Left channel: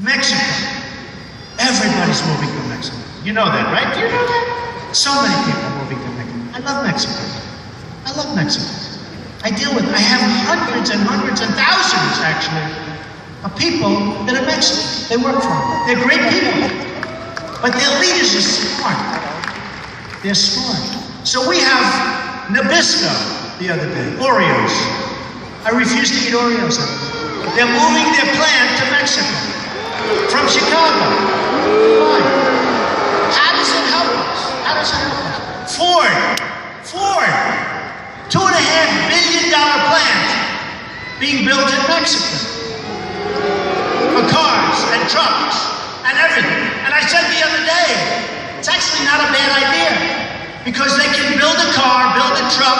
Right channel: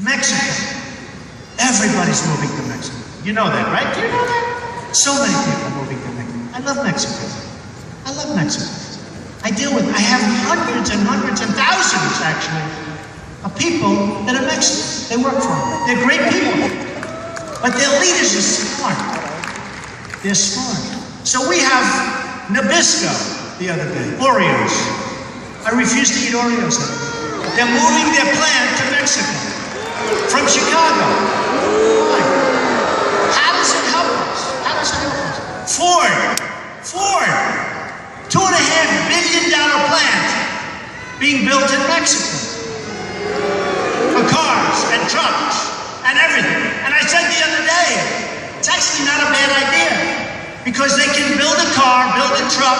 Mexico. Everybody's moving to Mexico. You know that, right? Do you know that? So many people moving to Mexico. I love Mexico. I love Mexico. I have hundreds and hundreds and thousands, actually, of people that are Mexicans. They work for me. They're great people. But their leaders are smart. They're smart. So we have Nabisco the other day, Oreos. I refuse to eat Oreos anymore. They're moving their plant to Mexico from Chicago. Why? How does it help us? How does it help us? Ford, $2.5 billion plant being built in Mexico for cars and trucks and everything. And I said the other day, it's actually not a bad idea because they can build a car, build a truck,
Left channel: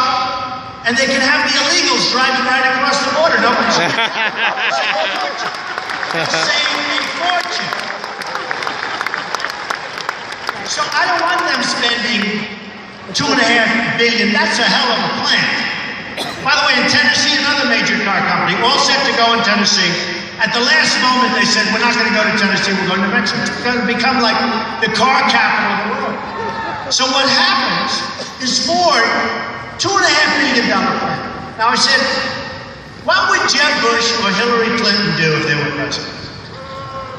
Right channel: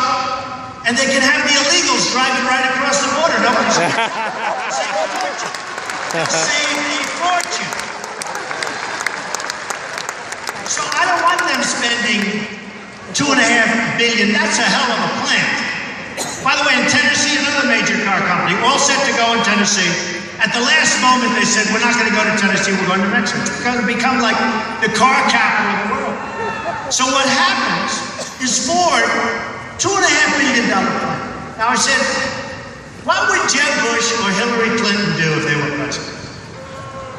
and they can have the illegals driving right across the border. Nobody's going to save a fortune. So I don't want them spending $2.5 billion. That's a hell of a plant. By the way, in Tennessee, another major car company, all set to go in Tennessee. At the last moment, they said, we're not going to go to Tennessee, we're going to Mexico. It's going to become like the car capital of the world. So what happens is Ford, $2.5 billion plant. Now I said, what would Jeb Bush or Hillary Clinton do if they were president?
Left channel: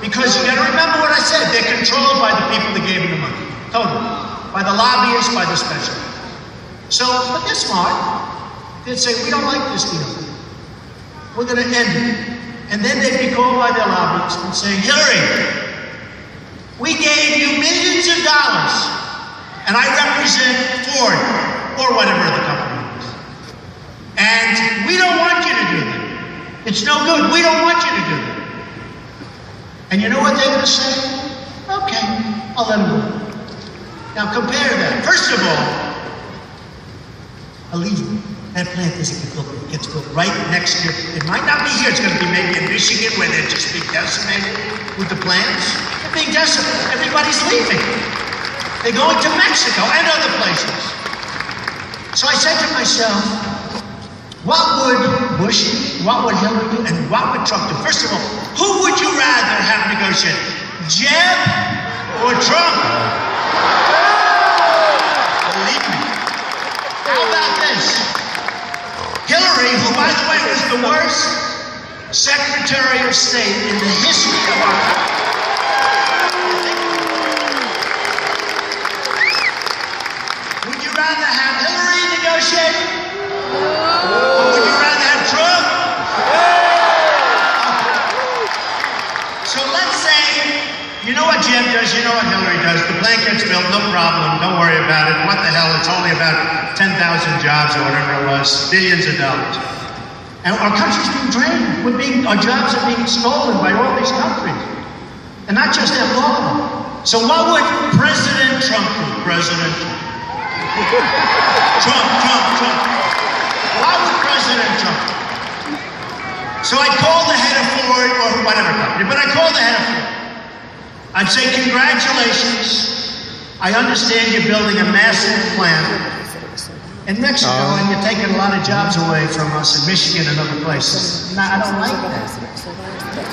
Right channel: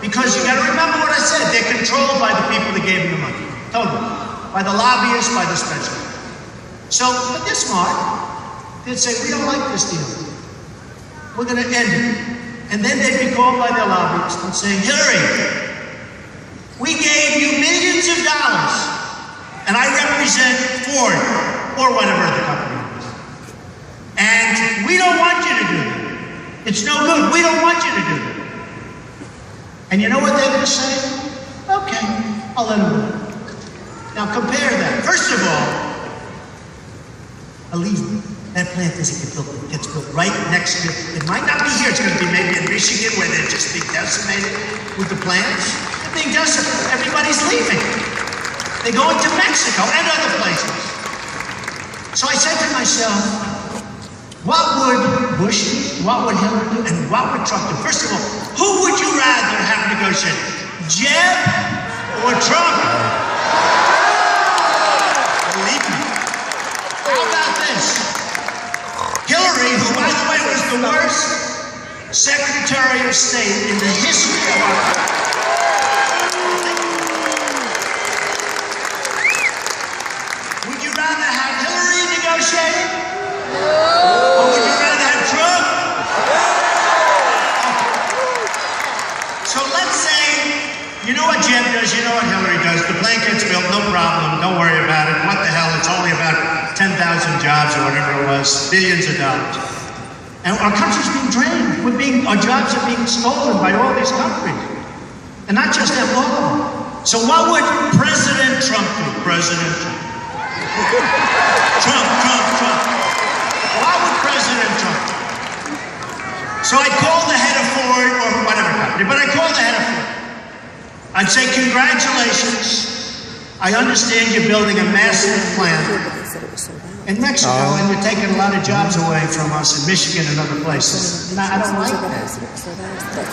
Because you got to remember what I said. They're controlled by the people that gave them the money. Totally. By the lobbyists, by the specialists. So, but they're smart. They'd say, we don't like this deal. We're going to end it. And then they'd be called by their lobbyists and say, Hillary, we gave you millions of dollars, and I represent Ford, or whatever the company is. And we don't want you to do that. It's no good. We don't want you to do that. And you know what they're going to say? Okay, I'll let them go. Now compare that. First of all, believe me, that plant gets built right next to you. It might not be here. It's going to be maybe in Michigan where they're just being decimated with the plants. They're being decimated. Everybody's leaving. They're going to Mexico and other places. So I said to myself, what would Bush do? What would Hillary do? And what would Trump do? First of all, who would you rather have negotiated? Jeb or Trump? Believe me. How about this? Hillary, who, by the way, was the worst Secretary of State in the history of our country. Would you rather have Hillary negotiating? Or would you rather have Trump? So let's say, you know what Jeb does, you know what Hillary does. The plant gets built, no problem, don't worry about it. What the hell, it's only about 10,000 jobs or whatever it was, billions of dollars. And our country's being drained. Our jobs are being stolen by all these countries. And not just them, all of them. So what would President Trump do? President Trump. Trump. What would President Trump do? So I'd call the head of Ford or whatever company, but I'd call the head of Ford. I'd say, congratulations. I understand you're building a massive plant in Mexico, and you're taking a lot of jobs away from us in Michigan and other places. No, I don't like that.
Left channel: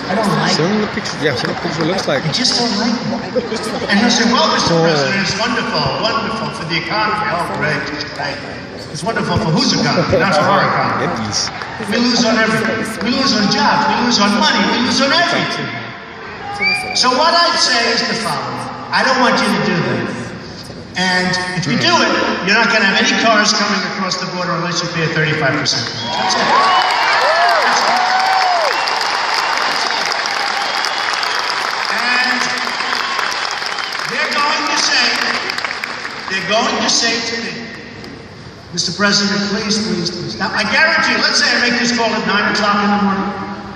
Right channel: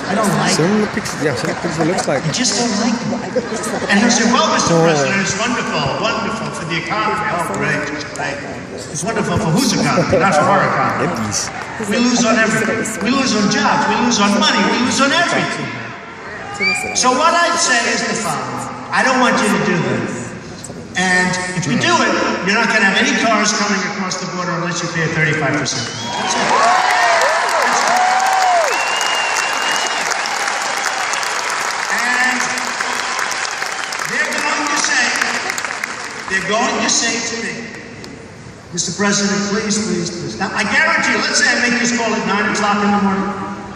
I don't like it. Yeah, see what the picture looks like. I just don't like it. And he'll say, well, Mr. President, it's wonderful for the economy. Oh, great. It's wonderful for whose economy, not for our economy. We lose on everything. We lose on jobs. We lose on money. We lose on everything. So what I'd say is the following. I don't want you to do that. And if you do it, you're not going to have any cars coming across the border unless you pay a 35%. That's it. That's it. And they're going to say to me, Mr. President, please. Now, I guarantee you, let's say I make this call at 9 o'clock in the morning.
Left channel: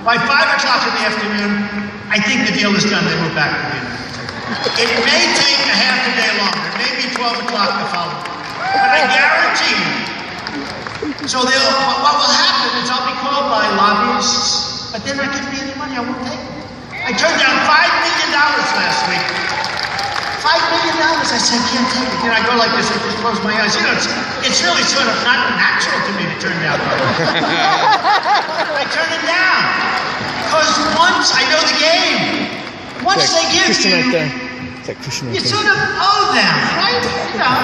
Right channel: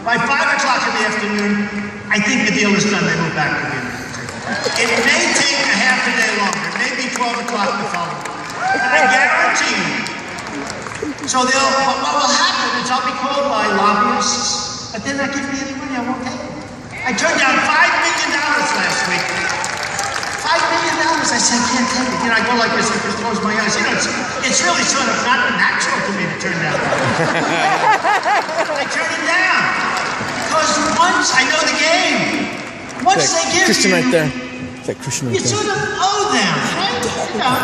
By 5 o'clock in the afternoon, I think the deal is done. They move back to the United States. It may take a half a day longer. It may be 12 o'clock the following day. But I guarantee you. So what will happen is I'll be called by lobbyists, but they're not giving me any money. I won't take it. I turned down $5 million last week. $5 million. I said, I can't take it. You know, I go like this, I just close my eyes. You know, it's really sort of not natural to me to turn down money. I turn it down. Because once I know the game. Once they give you, right there. It's like Christian right you sort of owe them, right? You know,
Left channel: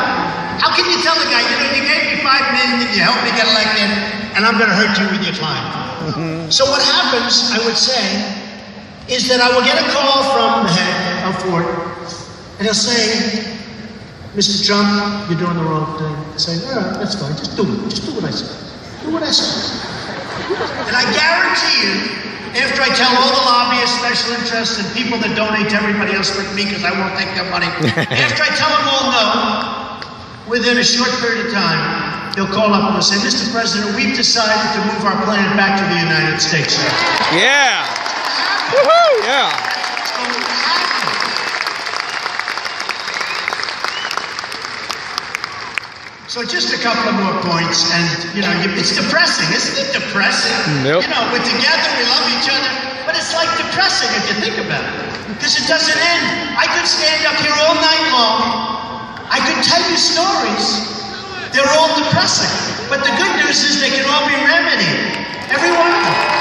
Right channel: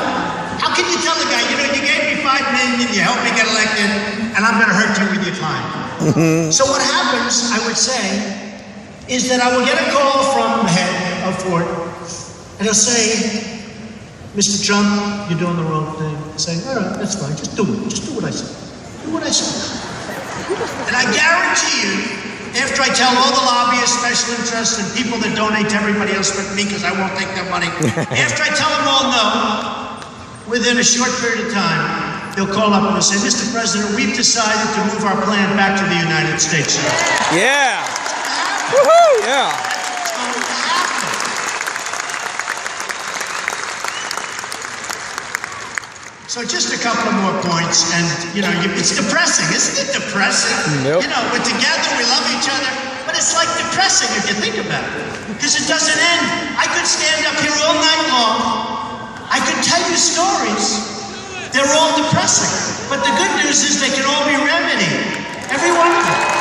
how can you tell the guy, you gave me $5 million, you helped me get elected, and I'm going to hurt you with your client? So what happens, I would say, is that I will get a call from the head of Ford, and he'll say, Mr. Trump, you're doing the wrong thing. I say, all right, that's fine. Just do it. Just do what I say. Do what I say. And I guarantee you, after I tell all the lobbyists, special interests, and people that donate to everybody else but me because I won't take their money, after I tell them all no, within a short period of time, they'll call up and they'll say, Mr. President, we've decided to move our plant back to the United States, sir. Yeah. Woohoo! Yeah. That's going to happen. So just a couple of more points, and it's depressing, isn't it? Depressing. Nope. We're together, we love each other, but it's like depressing if you think about it, because it doesn't end. I could stand up here all night long. I could tell you stories. They're all depressing, but the good news is they can all be remedied. Every one of them.